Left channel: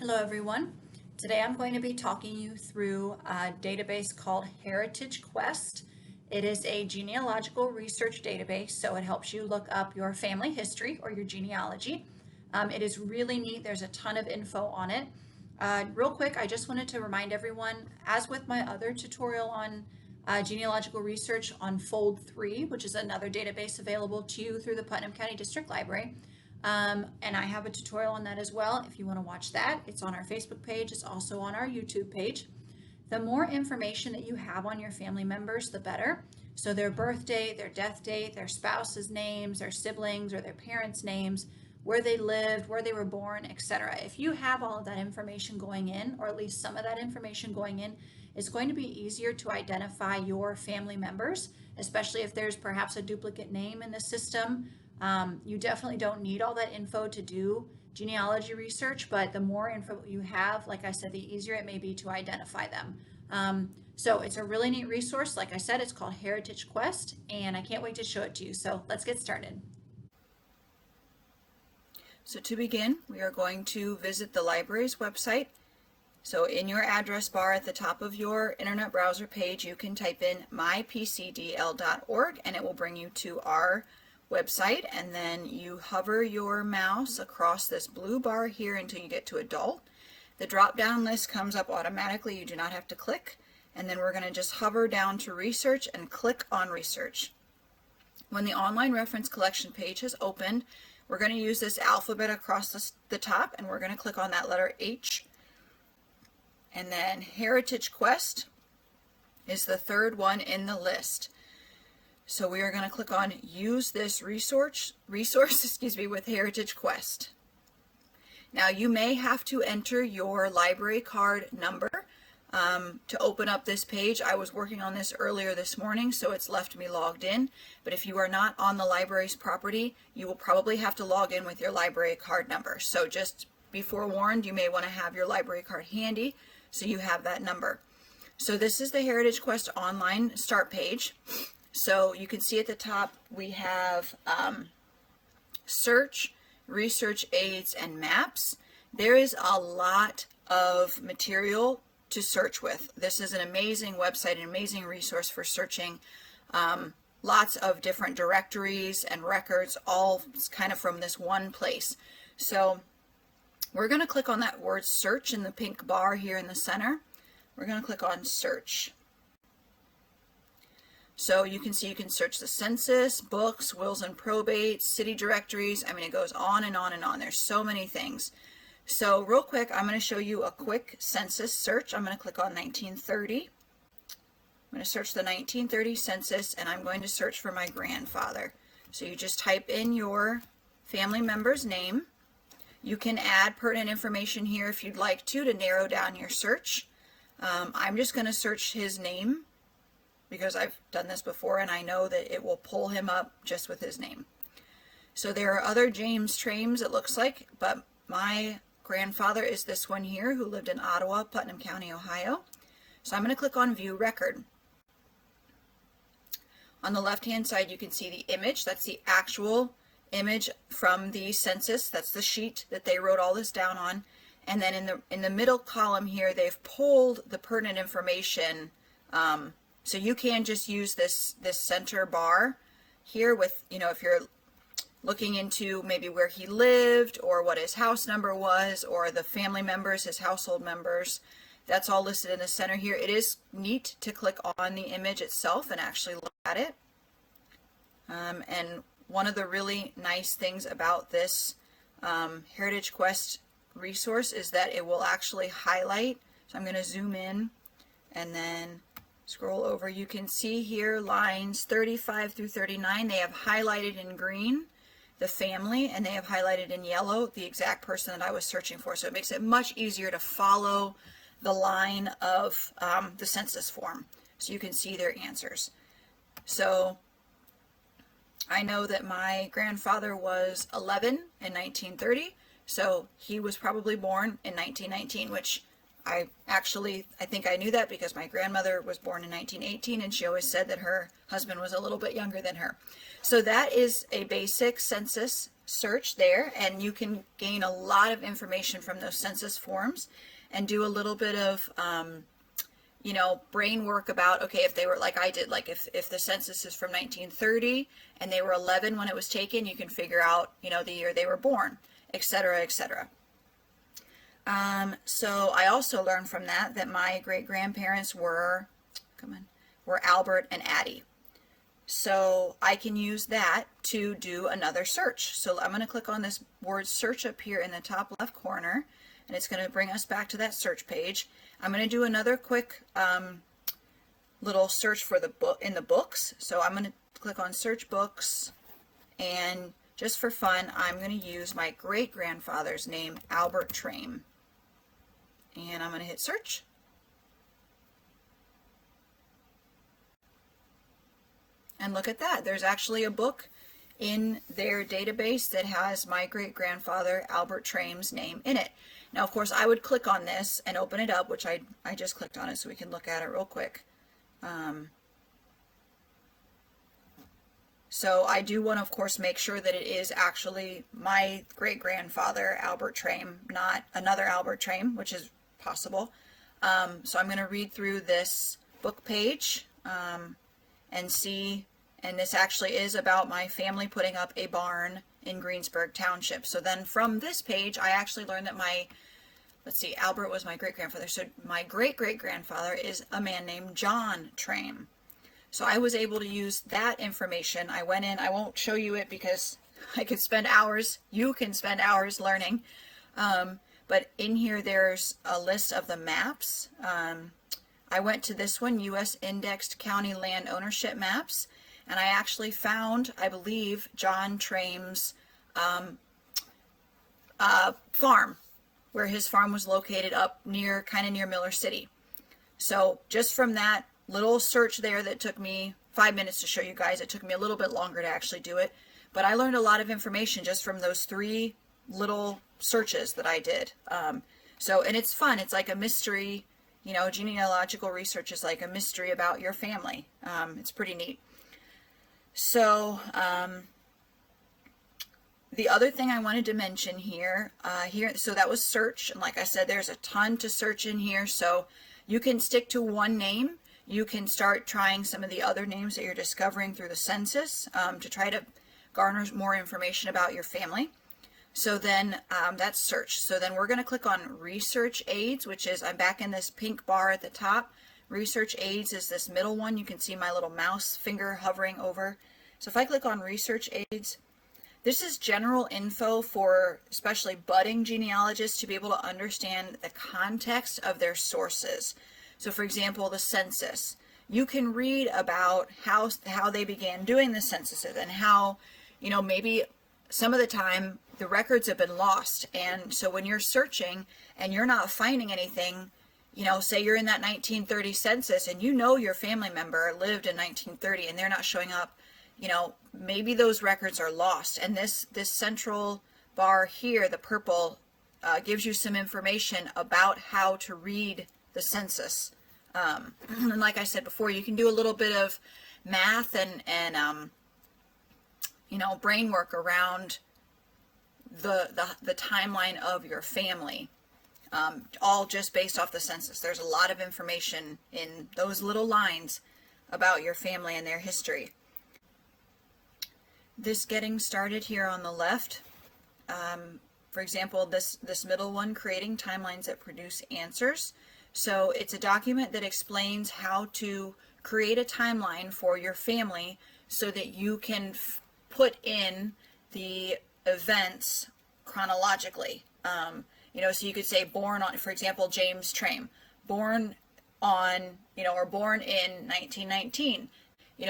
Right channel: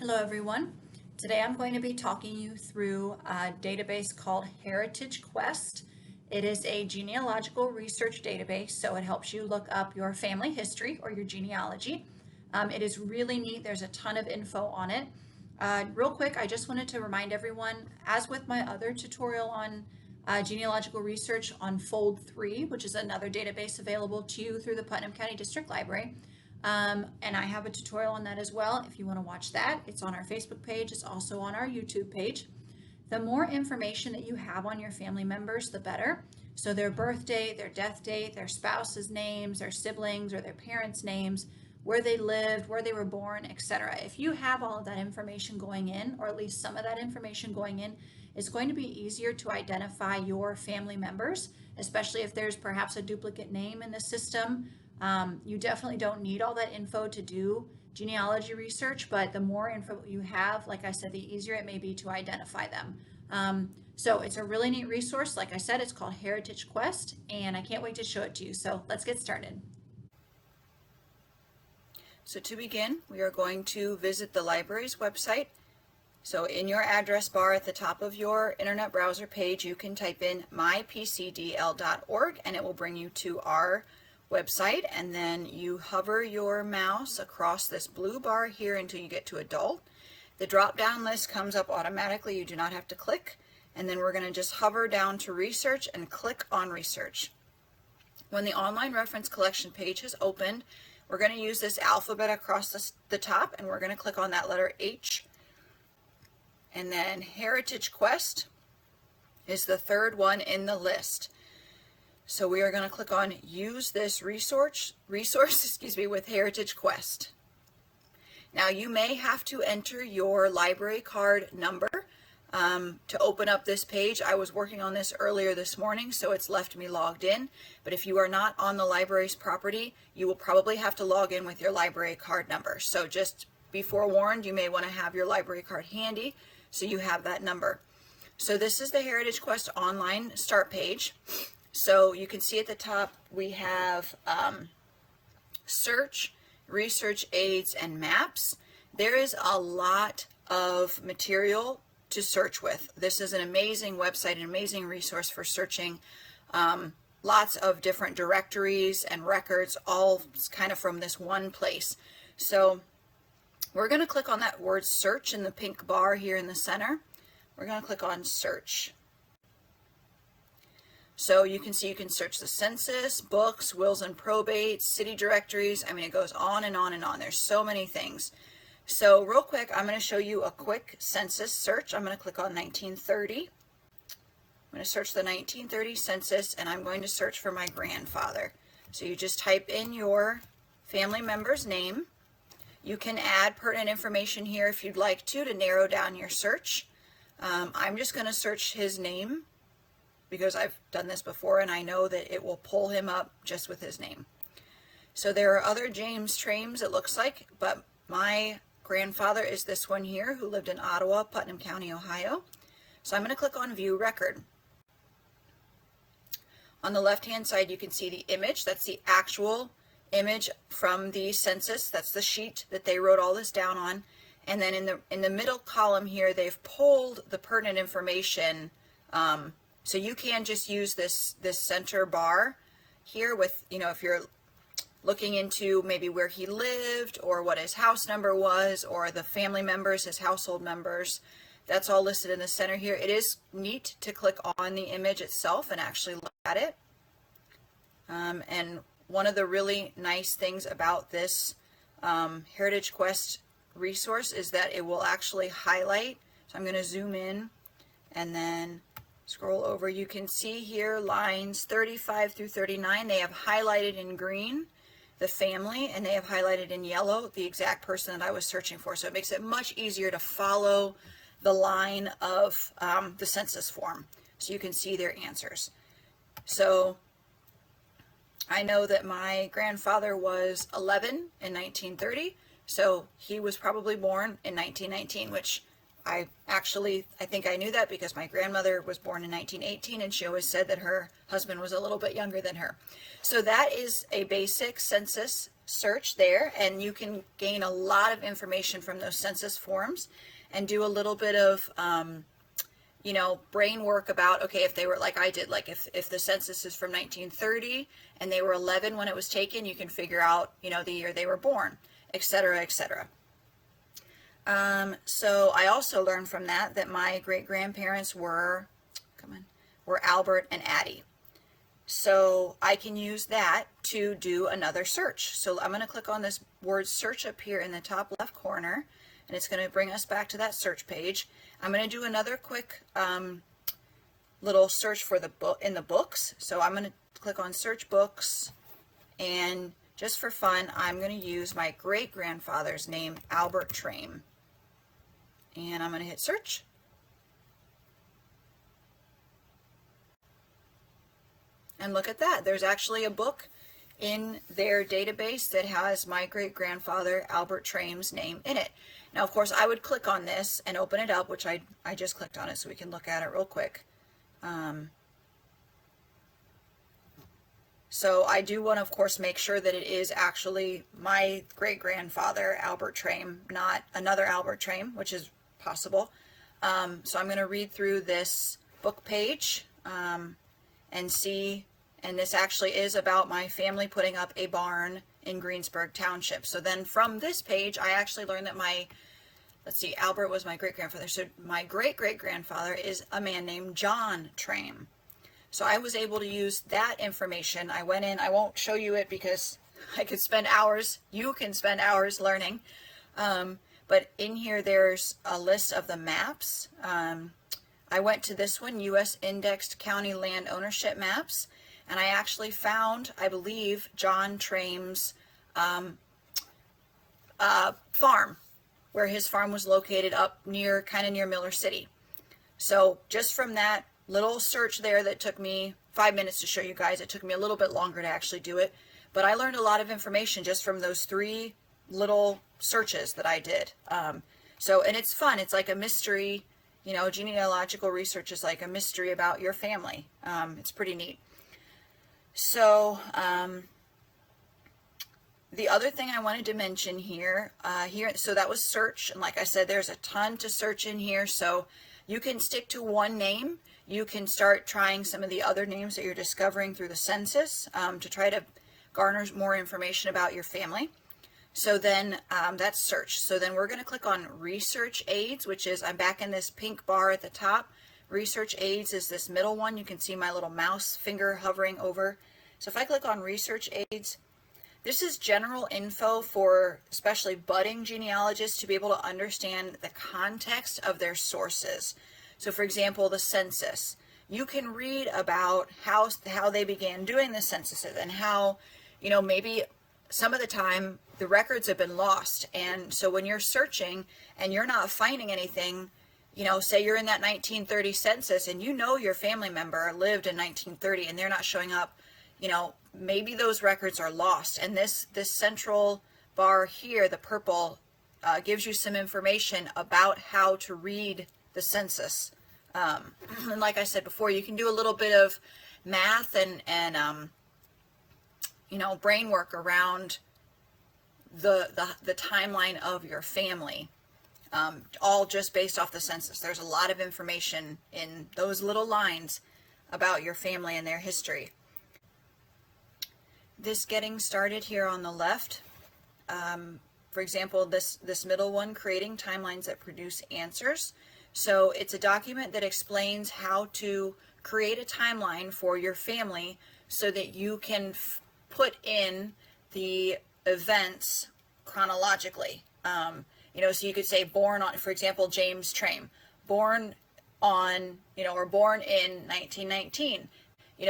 Hello everyone. Today I'm going to be talking you through a database called HeritageQuest. It is a genealogical research database, so it helps you look up your family history or your genealogy. It is really neat. There's a ton of info on it. Real quick, I just wanted to remind everyone, as with my other tutorial on genealogical research on Fold 3, which is another database available to you through the Putnam County District Library, and I have a tutorial on that as well. If you want to watch that, it's on our Facebook page. It's also on our YouTube page. The more information that you have on your family members, the better. So their birth date, their death date, their spouse's names, their siblings or their parents' names, where they lived, where they were born, etc. If you have all of that information going in, or at least some of that information going in, it's going to be easier to identify your family members, especially if there's perhaps a duplicate name in the system. You definitely don't need all that info to do genealogy research, but the more info you have, like I said, the easier it may be to identify them. So it's a really neat resource. Like I said, it's called HeritageQuest, and I can't wait to show it to you. So let's get started. So to begin, we are going to visit the library's website. So in your address bar at the top of your internet browser page, you can type in mypcdl.org and it will bring you to our website, and then you hover your mouse across this blue bar here until you get to adult. The drop-down list comes up automatically. You do not have to click, and then we're going to just hover down to research and click on research. When the online reference collection page has opened, we're going to use this alphabet across the top, and we're going to click on that letter H, and then HeritageQuest is the third one in the list. So we are going to click on Use this resource with HeritageQuest. Now you may have to enter your library card number to open up this page. I was working on this earlier this morning, so it's left me logged in. But if you are not on the library's property, you will probably have to log in with your library card number. So just be forewarned, you may want to have your library card handy so you have that number. So this is the HeritageQuest online start page. So you can see at the top we have search, research aids, and maps. There is a lot of material to search with. This is an amazing website, an amazing resource for searching. Lots of different directories and records, all kind of from this one place. So we're going to click on that word search in the pink bar here in the center. We're going to click on search. So you can see you can search the census, books, wills and probates, city directories. I mean, it goes on and on and on. There's so many things. So real quick, I'm going to show you a quick census search. I'm going to click on 1930. I'm going to search the 1930 census, and I'm going to search for my grandfather. So you just type in your family member's name. You can add pertinent information here if you'd like to narrow down your search. I'm just going to search his name, because I've done this before and I know that it will pull him up just with his name. So there are other James Trames, it looks like, but my grandfather is this one here who lived in Ottawa, Putnam County, Ohio. So I'm going to click on View Record. On the left-hand side, you can see the image. That's the actual image from the census. That's the sheet that they wrote all this down on. And then in the middle column here, they've pulled the pertinent information. So you can just use this center bar here with, if you're looking into maybe where he lived or what his house number was or the family members, his household members. That's all listed in the center here. It is neat to click on the image itself and actually look at it. And one of the really nice things about this HeritageQuest resource is that it will actually highlight. So I'm going to zoom in and then scroll over. You can see here lines 35 through 39. They have highlighted in green the family, and they have highlighted in yellow the exact person that I was searching for. So it makes it much easier to follow the line of the census form, so you can see their answers. So I know that my grandfather was 11 in 1930, so he was probably born in 1919, which I think I knew that because my grandmother was born in 1918 and she always said that her husband was a little bit younger than her. So that is a basic census search there, and you can gain a lot of information from those census forms and do a little bit of, brain work about, okay, if they were like I did, like if the census is from 1930 and they were 11 when it was taken, you can figure out, the year they were born, etc., etc. So I also learned from that my great-grandparents were Albert and Addie. So I can use that to do another search. So I'm going to click on this word search up here in the top left corner, and it's going to bring us back to that search page. I'm going to do another quick little search for the book in the books. So I'm going to click on search books, and just for fun, I'm going to use my great-grandfather's name, Albert Traim. And I'm going to hit search. And look at that. There's actually a book in their database that has my great-grandfather Albert Traim's name in it. Now, of course, I would click on this and open it up, which I just clicked on it so we can look at it real quick. So I do want to, of course, make sure that it is actually my great-grandfather Albert Traim, not another Albert Traim, which is possible. So I'm going to read through this book page and see, and this actually is about my family putting up a barn in Greensburg Township. So then from this page, I actually learned that Albert was my great-grandfather. So my great-great-grandfather is a man named John Traim. So I was able to use that information. I went in, I won't show you it because I could spend hours, you can spend hours learning. But in here, there's a list of the maps. I went to this one, U.S. Indexed County Land Ownership Maps, and I actually found, I believe, John Traim's farm, where his farm was located up near Miller City. So just from that little search there that took me 5 minutes to show you guys, it took me a little bit longer to actually do it, but I learned a lot of information just from those 3 little searches that I did. And it's fun. It's like a mystery. Genealogical research is like a mystery about your family. It's pretty neat. So the other thing I wanted to mention here, so that was search. And like I said, there's a ton to search in here. So you can stick to one name. You can start trying some of the other names that you're discovering through the census to try to garner more information about your family. So then that's search. So then we're going to click on research aids, which is, I'm back in this pink bar at the top. Research aids is this middle one. You can see my little mouse finger hovering over. So if I click on research aids, this is general info for especially budding genealogists to be able to understand the context of their sources. So for example, the census. You can read about how they began doing the censuses and how, maybe some of the time the records have been lost. And so when you're searching and you're not finding anything, say you're in that 1930 census and your family member lived in 1930 and they're not showing up, maybe those records are lost. And this central bar here, the purple, gives you some information about how to read the census. And like I said before, you can do a little bit of math and brain work around the timeline of your family, all just based off the census. There's a lot of information in those little lines about your family and their history. This getting started here on the left, for example, this middle one, creating timelines that produce answers. So it's a document that explains how to create a timeline for your family so that you can put in the events chronologically. So you could say born on, for example, James Traim, born on, or born in 1919,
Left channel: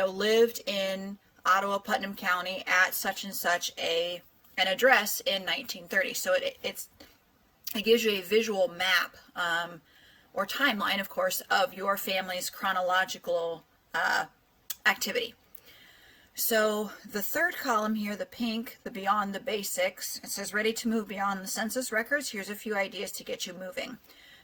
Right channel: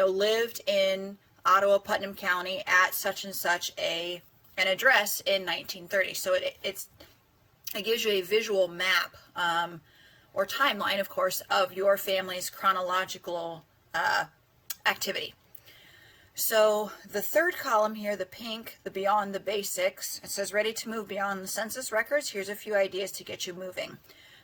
lived in Ottawa, Putnam County at such and such an address in 1930. So it gives you a visual map or timeline, of course, of your family's chronological activity. So the third column here, the pink, the beyond the basics, it says ready to move beyond the census records. Here's a few ideas to get you moving.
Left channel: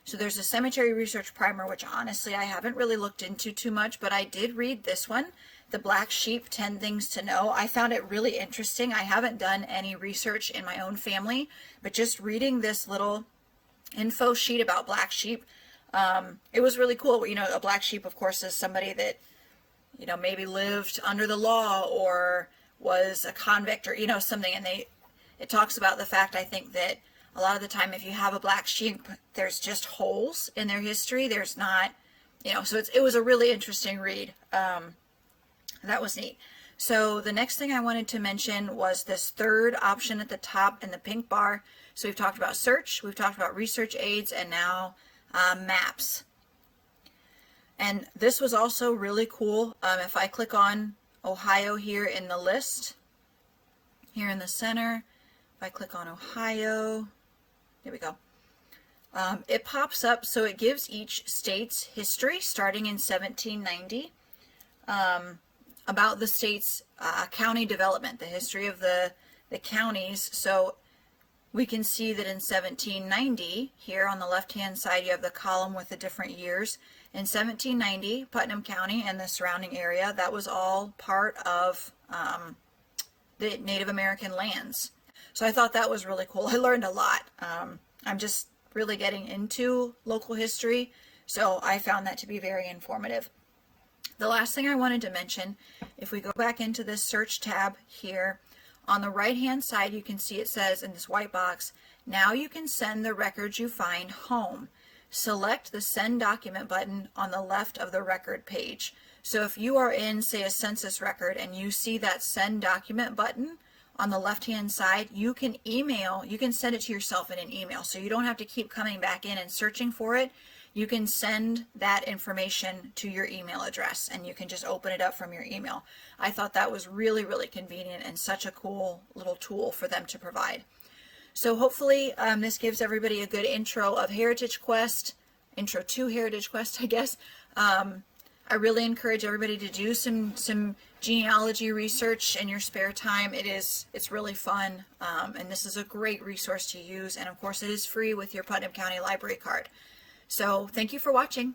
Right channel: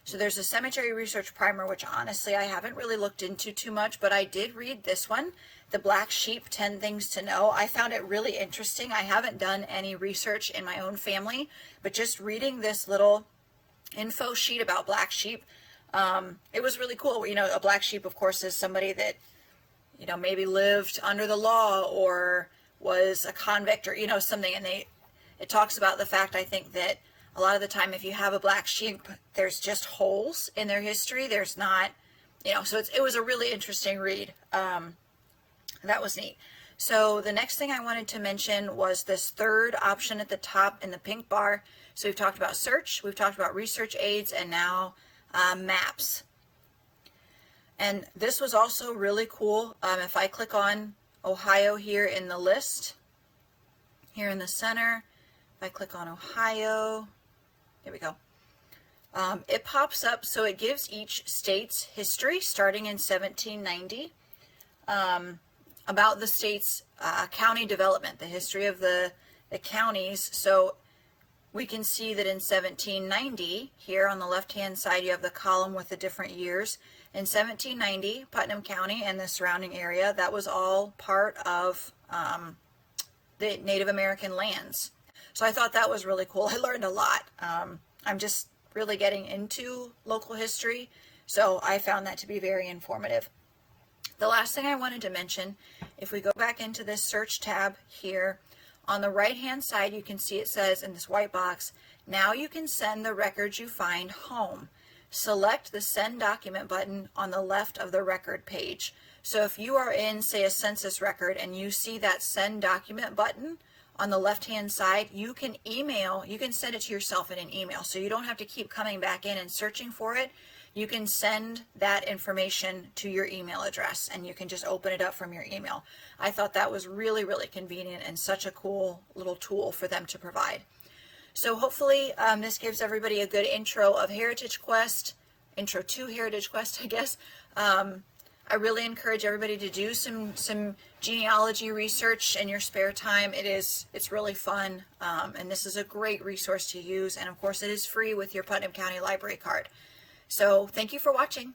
So there's a cemetery research primer, which honestly I haven't really looked into too much, but I did read this one, The Black Sheep, 10 Things to Know. I found it really interesting. I haven't done any research in my own family, but just reading this little info sheet about black sheep, it was really cool. You know, a black sheep, of course, is somebody that, you know, maybe lived under the law or was a convict or, you know, something. And it talks about the fact, I think, that a lot of the time if you have a black sheep, there's just holes in their history. There's not, you know, so it was a really interesting read. That was neat. So the next thing I wanted to mention was this third option at the top in the pink bar. So we've talked about search, we've talked about research aids, and now maps. And this was also really cool. If I click on Ohio here in the list, here in the center, if I click on Ohio, there we go. It pops up, so it gives each state's history starting in 1790, about the state's county development, the history of the counties. So we can see that in 1790, here on the left-hand side, you have the column with the different years. In 1790, Putnam County and the surrounding area, that was all part of the Native American lands. So I thought that was really cool. I learned a lot. I'm just really getting into local history, so I found that to be very informative. The last thing I wanted to mention, if we go back into this search tab here, on the right-hand side, you can see it says in this white box, now you can send the records you find home. Select the Send Document button on the left of the record page. So if you are in, say, a census record and you see that Send Document button on the left-hand side, you can send it to yourself in an email. So you don't have to keep coming back in and searching for it. You can send that information to your email address and you can just open it up from your email. I thought that was really, really convenient and such a cool little tool for them to provide. So hopefully this gives everybody a good intro of HeritageQuest, intro to HeritageQuest, I guess. I really encourage everybody to do some genealogy research in your spare time. It's really fun, and this is a great resource to use. And of course, it is free with your Putnam County Library card. So thank you for watching.